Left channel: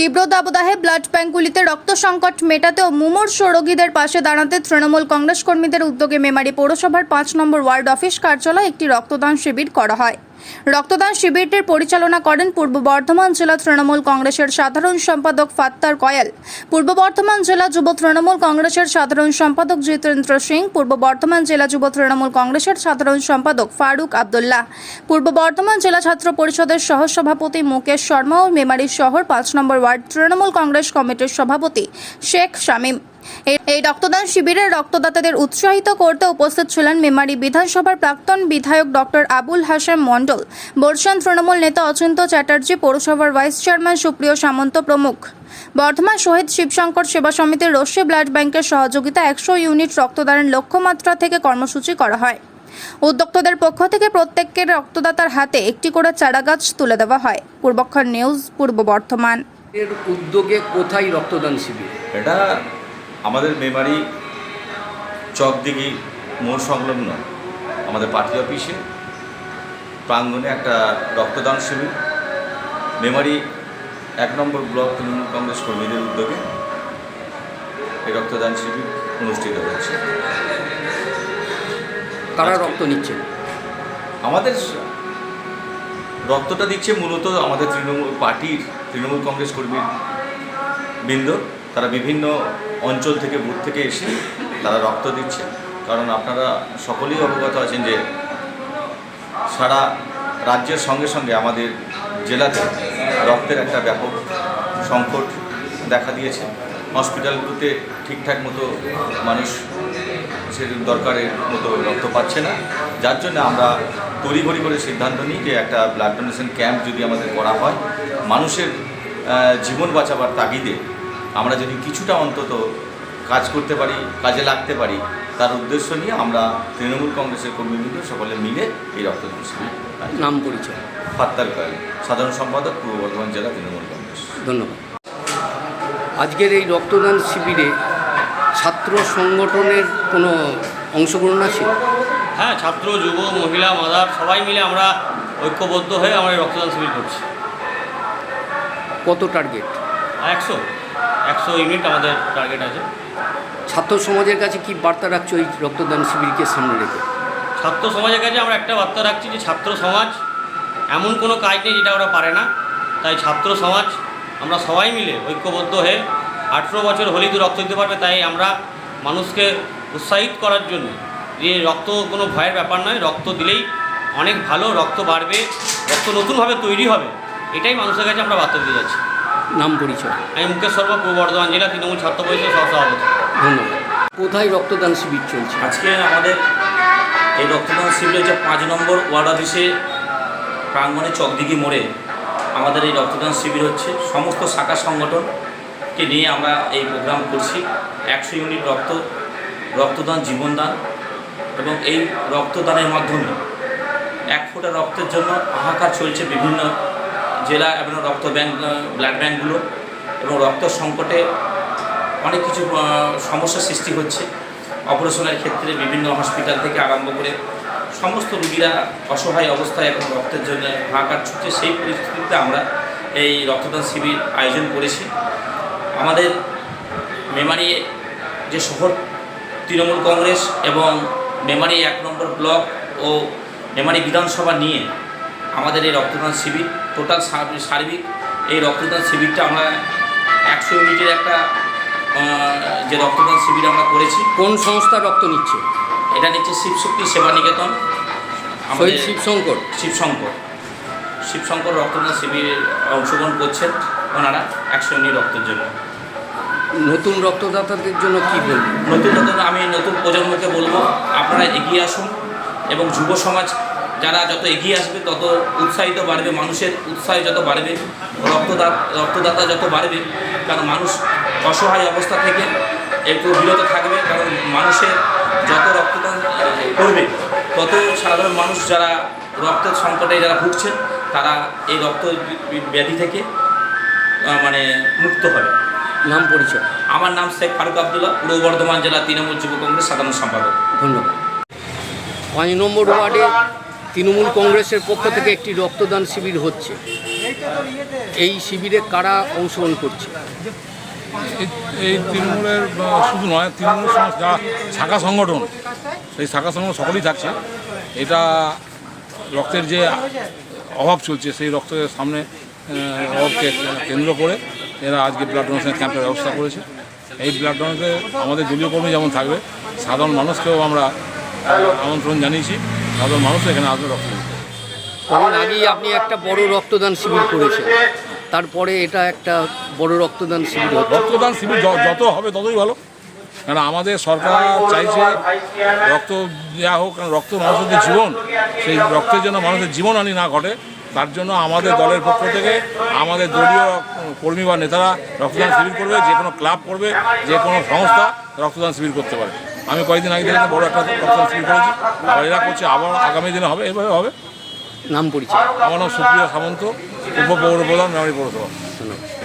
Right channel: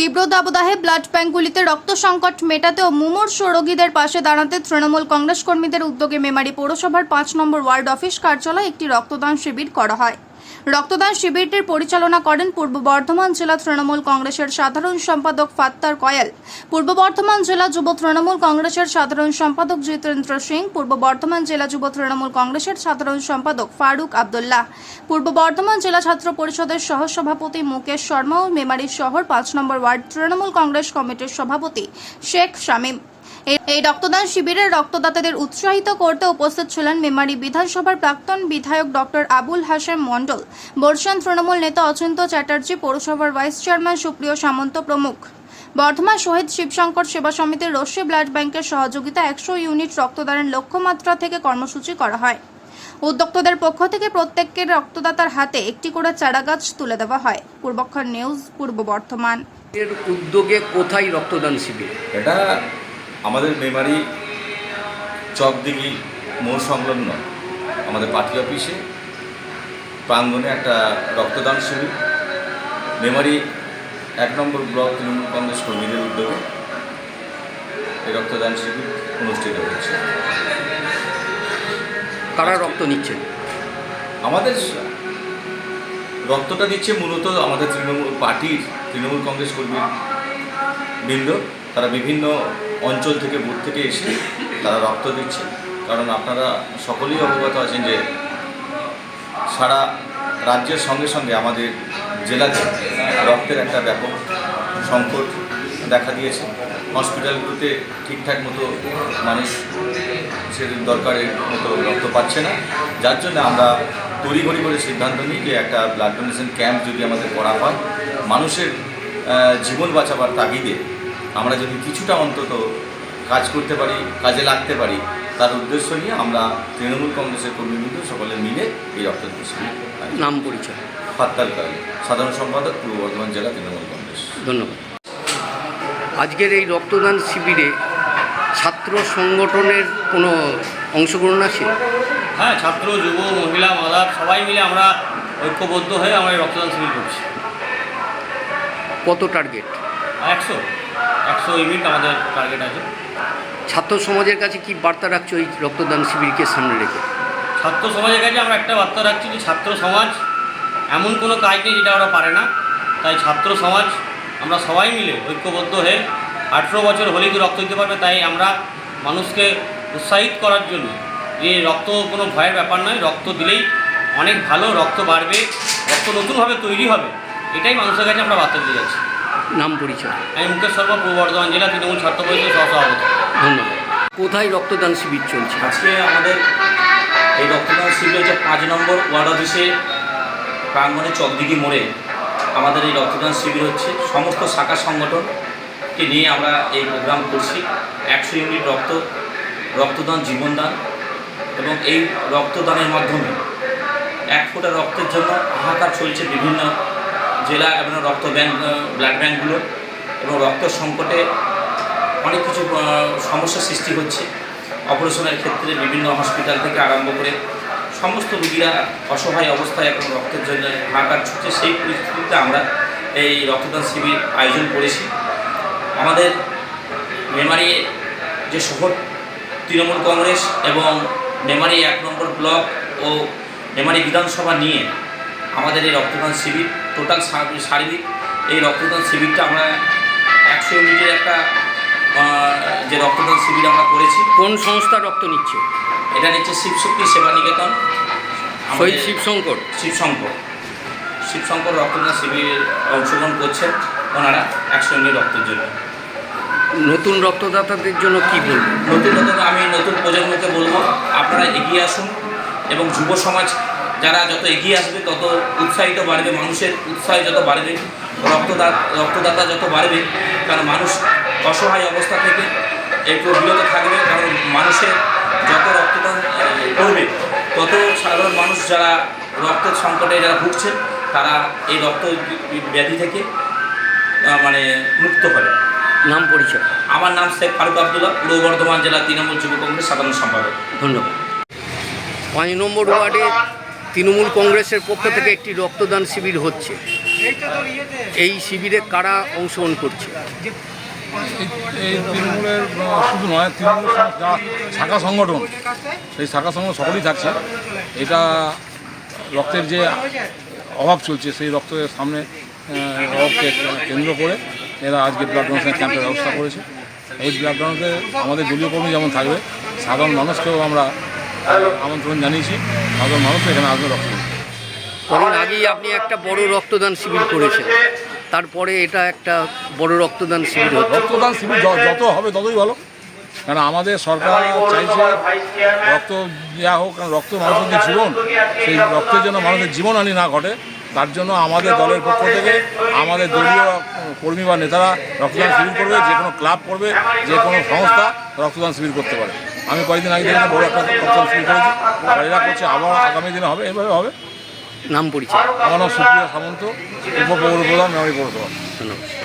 তীব্র দাবদাহে ব্লাড ব্যাঙ্কগুলিতে রক্ত সংকট মেটাতে ও মুমূর্ষ রোগীদের পাশে দাঁড়াতে তৃণমূল কংগ্রেস কর্মীদের উদ্যোগে মেমারি পৌরসভার ৫ নম্বর ওয়ার্ড অফিস কার্যালয়ে একটি রক্তদান শিবির করা হয়। রক্তদান শিবিরটির পরিচালনা করেন পূর্ব বর্ধমান জেলা তৃণমূল কংগ্রেসের সাধারণ সম্পাদক ফাত্তার কয়াল, পূর্ব বর্ধমান জেলা যুব তৃণমূল কংগ্রেসের সাধারণ সম্পাদক জিতেন্দ্র সিং, পূর্ব বর্ধমান জেলা যুব তৃণমূল কংগ্রেসের সাধারণ সম্পাদক ফারুক আব্দুল্লাহ, পূর্ব বর্ধমান জেলা ছাত্র পরিষদের সহসভাপতি মুকেশ শর্মা ও মেমারি শহর ৫ নম্বর ওয়ার্ড তৃণমূল কংগ্রেস কমিটির সভাপতি শেখ শামীম। এই রক্তদান শিবিরে রক্তদাতাদের উৎসাহিত করতে উপস্থিত ছিলেন মেমারি বিধানসভার প্রাক্তন বিধায়ক ডক্টর আবুল হাসান মণ্ডল, বর্ষান তৃণমূল নেতা অচিন্ত চ্যাটার্জি, পৌরসভার ভাইস চেয়ারম্যান সুপ্রিয় সামন্ত প্রমুখ। বর্ধমান শহীদ শিবশঙ্কর সেবা সমিতির রশ্মি ব্লাড ব্যাংকের সহযোগিতা ১০০ ইউনিট রক্তদানের লক্ষ্যমাত্রা থেকে কর্মসূচি করা হয়। উদ্যোক্তাদের পক্ষ থেকে প্রত্যেকের রক্তদাতার হাতে একটি করে চারাগাছ তুলে দেওয়া হয়। পূর্বক্ষণ নিউজ, পূর্ব বর্ধমান। এর উদ্যোগে কোথায় রক্তদান শিবির? এটা আমাদের মেমারি চকদিঘি মোড় সংলগ্ন আমাদের পার্টি অফিসে প্রাঙ্গণে একটা রক্তদান শিবির মেমারি ১ নম্বর ব্লক তৃণমূল কংগ্রেস কর্মীদের উদ্যোগে এই রক্তদান শিবির অনুষ্ঠিত হয়েছে। কারা রক্ত নিচ্ছেন? আমাদের রক্তটা দিচ্ছে মূলত আমাদের তৃণমূল কংগ্রেস কর্মী বৃন্দ। তারা বিভিন্ন অঞ্চল থেকে বুথ থেকে এসে তারা রক্ত দিচ্ছে। কারণ আপনারা সকলেই অবগত আছেন যে সারা রাজ্যের সঙ্গে সঙ্গে আমাদের জেলাতে রক্তের একটা ব্যাপক সংকট দেখা দিয়েছে। হসপিটালগুলোতে ঠিকঠাক মতো মানুষ সে দরকারের মতো রক্ত পাচ্ছে না, যার জন্য আমরা তড়িঘড়ি করে সিদ্ধান্ত নিই যে একটা ব্লাড ডোনেশন ক্যাম্প যদি আমাদের করা হয়, মানুষের জীবন বাঁচাবার তাগিদে আমরা যদি কিছুটা অন্তত কাজ করতে পারি, কাজে লাগতে পারি, তার উদ্দেশ্য নিয়ে আমরা তৃণমূল কংগ্রেসের কর্মীবৃন্দ সকলে মিলে এই রক্তদান শিবির। নাম পরিচয়? ফাত্তার কয়াল, সাধারণ সম্পাদক, পূর্ব বর্ধমান জেলা তৃণমূল কংগ্রেস। ধন্যবাদ। আজকের এই রক্তদান শিবিরে ছাত্র সংগঠনের কোনো অংশগ্রহণ আছে? হ্যাঁ, ছাত্র, যুব, মহিলা, মাদার সবাই মিলে আমরা ঐক্যবদ্ধ হয়ে আমরা এই রক্তদান শিবির করছি। কত টার্গেট? ১০০ ইউনিট আমাদের টার্গেট আছে। ছাত্র সমাজের কাছে কি বার্তা রাখছো এই রক্তদান শিবিরকে সামনে রেখে? ছাত্র সমাজের কাছে আমরা একটা বার্তা রাখছি যে ছাত্র সমাজ এমন কোনো কাজ নেই যেটা ওরা পারে না। তাই ছাত্র সমাজ আমরা সবাই মিলে ঐক্যবদ্ধ হয়ে ১৮ বছর হলেই তো রক্ত দিতে পারবে। তাই আমরা মানুষকে উৎসাহিত করার জন্য যে রক্ত কোনো ভয়ের ব্যাপার নয়, রক্ত দিলেই অনেক ভালো, রক্ত বাড়বে, রক্ত নতুনভাবে তৈরি হবে, এটাই মানুষের কাছে আমরা বার্তা দিয়ে যাচ্ছি। নাম পরিচয়? আমি মুকেশ শর্মা, পূর্ব বর্ধমান জেলা তৃণমূল ছাত্র পরিষদের সহসভাপতি। ধন্যবাদ। কোথায় রক্তদান শিবির চলছে? আজকে আমাদের এই রক্তদান শিবির হচ্ছে ৫ নম্বর ওয়ার্ড অফিসে প্রাঙ্গণে চকদিঘি মোড়ে আমাদের এই রক্তদান শিবির হচ্ছে। সমস্ত শাখা সংগঠনকে নিয়ে আমরা এই প্রোগ্রাম করছি। ১০০ ইউনিট রক্তদান জীবনদান, এবং এই রক্তদানের মাধ্যমে ১ ফোঁটা রক্তের জন্য হাহাকার চলছে বিভিন্ন জেলা এবং রক্ত ব্যাংক, ব্লাড ব্যাঙ্কগুলো, এবং রক্ত সংকটে অনেক কিছু সমস্যার সৃষ্টি হচ্ছে। অপারেশনের ক্ষেত্রে বিভিন্ন হসপিটাল থেকে আরম্ভ করে সমস্ত রোগীরা অসহায় অবস্থায় এবং রক্তের জন্য হাহাকার ছুটছে। সেই পরিস্থিতিতে আমরা এই রক্তদান শিবির আয়োজন করেছি। আমাদের মেমারি যে শহর তৃণমূল কংগ্রেস এবং মেমারি ১ নম্বর ব্লক ও মেমারি বিধানসভা নিয়ে আমাদের এই রক্তদান শিবির টোটাল সার্বিক এই রক্তদান শিবিরটা আমরা ১০০ ইউনিটের একটা যে রক্তদান শিবির আমরা করেছি। কোন সংস্থা রক্ত নিচ্ছে? এটা নিচ্ছে শিবশক্তি সেবা নিকেতন, শহীদ শিবশঙ্কর রক্তদান শিবিরে অংশগ্রহণ করছেন ওনারা ১০০ ইউনিট রক্তের জন্য। নতুন রক্তদাতাদের জন্য কি বলবেন? আমি নতুন প্রজন্মকে বলবো, আপনারা এগিয়ে আসুন, এবং যুব সমাজ যারা যত এগিয়ে আসবে তত উৎসাহিত বাড়বে, মানুষের উৎসাহ যত বাড়বে, রক্তদাতা যত বাড়বে, কারণ মানুষ অসহায় অবস্থা থেকে একটু বিরত থাকবে। কারণ মানুষের যত রক্তদান করবে তত সাধারণ মানুষ যারা রক্তের সংকটে যারা ভুগছেন তারা এই রক্ত ব্যাধি থেকে মুক্ত হবে। নাম পরিচয়? আমার নাম শেখ ফারুক আব্দুল্লাহ, পূর্ব বর্ধমান জেলা তৃণমূল যুব কংগ্রেস সাধারণ সম্পাদক। ধন্যবাদ। ৫ নম্বর ওয়ার্ডে তৃণমূল কংগ্রেসের পক্ষ থেকে একটি রক্তদান শিবির হচ্ছে, এই শিবিরে কারা অংশগ্রহণ করছে? এই তৃণমূলের শুধু নয়, তৃণমূলের সঙ্গে যা শাখা সংগঠন, সেই শাখা সংগঠন সকলেই থাকছে। এটা রক্তের যে অভাব চলছে সেই রক্তের সামনে অভাবকে কেন্দ্র করে এরা আজকে ব্লাড ডোনেশন ক্যাম্পের ব্যবস্থা করেছে। এই ব্লাড ডোনেশনে আমাদের দলীয় কর্মী যেমন থাকবে, সাধারণ মানুষকেও আমরা আমন্ত্রণ জানিয়েছি, সাধারণ মানুষ এখানে আসবে রক্ত দিতে। কদিন আগেই আপনি একটা বড় রক্তদান শিবির করেছেন, তারপরে এটা একটা বড় রক্তদান শিবির হচ্ছে। রক্তদান শিবির যত হবে ততই ভালো, কারণ আমাদের সরকার চাইছে রক্ত দেওয়া হোক, কারণ রক্ত মানুষের জীবন, সেই রক্তের জন্য মানুষের জীবনহানি না ঘটে, তার জন্য আমাদের দলের পক্ষ থেকে আমাদের দলীয় কর্মী বা নেতারা রক্তদান শিবির করবে, যে কোনো ক্লাব করবে, যে কোনো সংস্থা রক্তদান শিবির করতে পারে। আমি কয়েকদিন আগে থেকে বড় একটা রক্তদান শিবির করেছি, আবার এরা করছে, আবার আগামী দিনে হবে, এইভাবে হবে। নাম পরিচয়? আমার নাম সুপ্রিয়া সামন্ত, উপপৌর প্রধান, মেমারি পৌরসভা। ধন্যবাদ।